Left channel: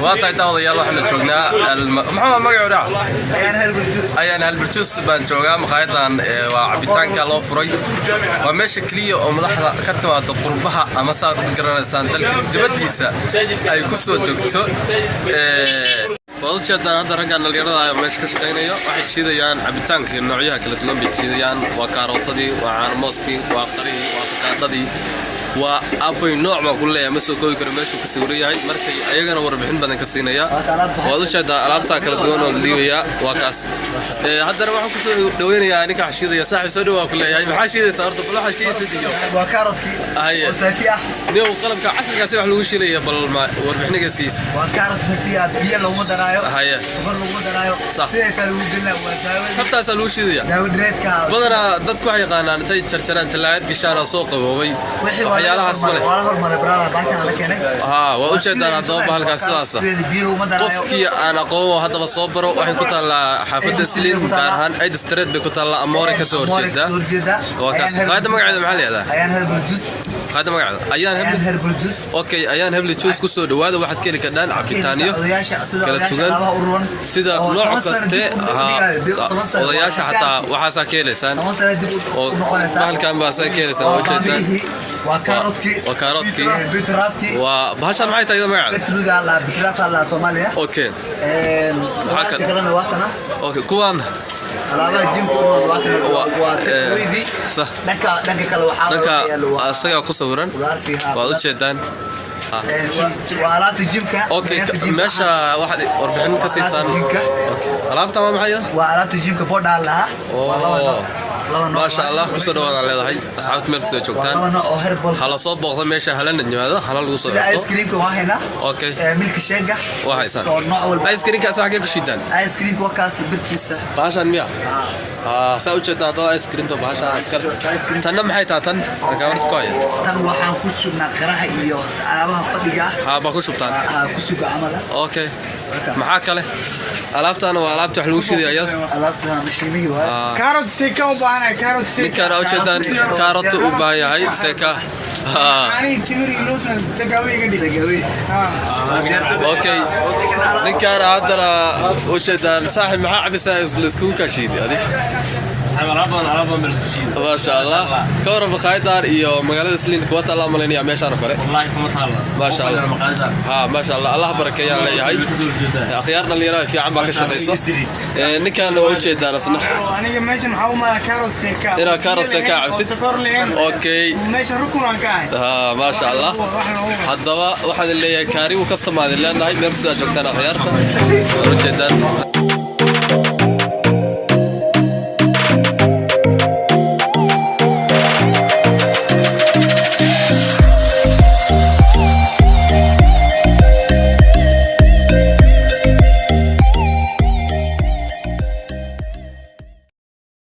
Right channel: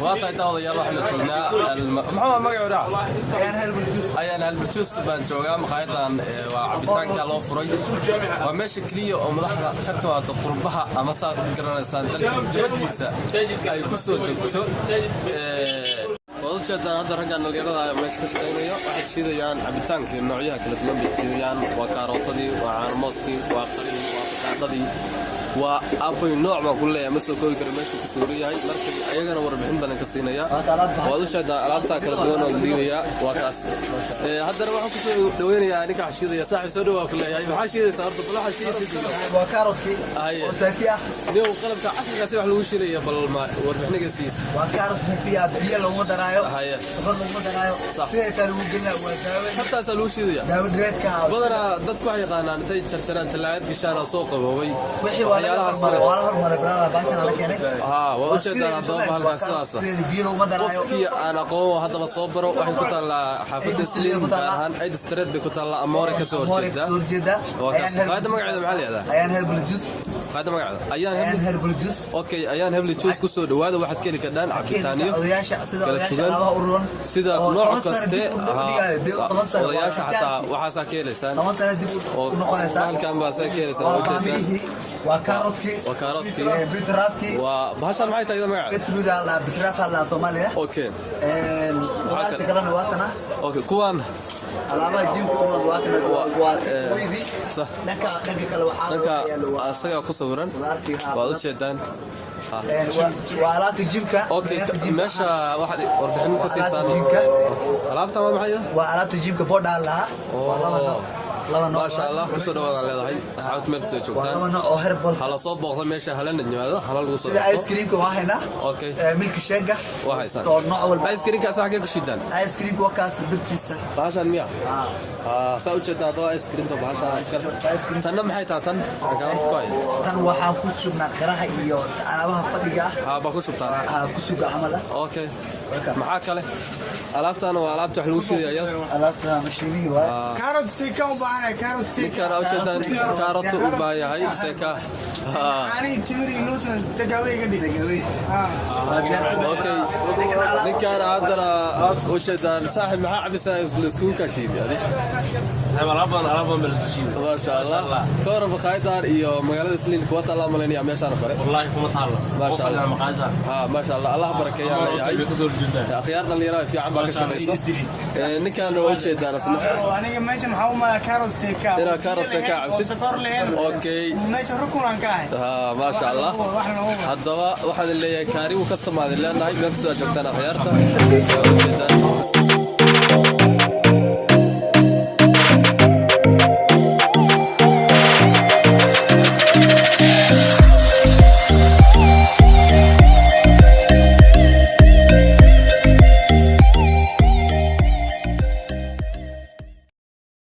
واطي داود يلا احنا جوجنا محمد مقعودا ayaan halbarjuus baan joogaa maqaayadan waa cabitaanka loo furay waa meesha kaliya oo madaxda ka timaado qurbaha ama saad garanaysan dalka dibadiisa ay ku soo degto wadaadaan hadda raggan dhalinyarada ay meesha ka shaqeynayo waxay jiidayaan cabitaanka noocyaha kala duwan bay jiidayaan waa kaarotadii waa caanmooskii waa qarihii waa fakaadadii waa abay nooc ma ku leeyahay ma soo koobi karo meesha ku sawir yahay markay ayagana warbixin badan ka siinaya wadaadada alaabta kala duwan oo liibiya waa kaas haddana waxaan ku soo dhaweynayaa ninka xashiidaya saaxi soo dhaw ku leeyahay maxaa shiidaysaa horta bal waxa shiidaysaa waa kaarotki oo saafi ah niyo qalabka casriga si wax lagu shiilaya bal warbixiniga siis waa kaarotki biyo lagu daraayo haya bal lagu daraayo sidoo kale uu dilaa waa daawad hatta salu shiidaya daawad reedka badana dadku waxay yaqaanaan intay jarjaraan talaad gishaan soo qaboobay waxyaalahaas ma leh wala hormar brada baashan ana keenay waa u jeedaan doob halkaas sidaas qofkii aan aqoon hadaba soo baro waxay ku taalaa xaafadda Siliin gaar ahaan ay district bay ku taalaa Amoore ka soo horjeeda waa kaas qaada magaceeda maxaa leedahay ayaan herbal juice qaada magaceeda ayaan herbal juice okay ayaan herbal juice ku soo dhawaada waxaad ka heli kartaan cabitaaniyo kala duwan sida nooc kaste odayaasha xataa waxaas ka heleysaan oo halkan baa ka heleysaan oo jeedaan وكارotki وبهاشان maxay tahay magaca beetruga la bikrafa la Soomaaliya okay waxa kale waatana okay kuwan alaaba jimku waa weedi صح dhanka kale waxa asaga ku sawiran waa u jeedaan alaabta jimka okay meesha waxa warbixin ka siisan okay alaabta ma maxay waa alaabta jimka boodha laha ما شاء الله كسر وانا leedahay asxaabta meel kasta joogtaan hala soo booqdo meesha halana nimaado hala lagu soo ice cream ka waahina okay milk shake waa haysan ice cream ka sax ka shidan ice cream waa kaas birtiisa baashan miya saa u jeedaa doo ice cream to baashan iskar tan maxay tahay tan gaarto kooya tan waxaan ku sugnaa qaraha iyo alaabaha fadhiga ba ku shubtaan ku suga amada okay maxaa kale alaabtan waa alaabta wax lagu shiiday ayada alaabta mashimiyo carrot seka u baahan carrot seka kana u jeedaan carrot u baahan yahay seka ani timiri loosan tagawayga dhigay okay ninkan hadana u jeedaan saaxib maxaa cabisa isku ka shiiday adi ما شاء الله كورة بقايدار إيو مقالة سلين كوات الله مليني عميشان كورة والله كما تعالى ما شاء الله ما شاء الله الله بركة يا هاي أخيارنا اللي راي في عم باقي شقيصة نكان وجه دارسنا أنا ماشي محاومة كاروت سيكا هنا كاروت سيكا عبتي أوكي ماشي ركن وكاي ما شاء الله هذا واحد اللي كاري وكستم هذا اللي أنا هاي مركز جوكتنا أخيار وجه دار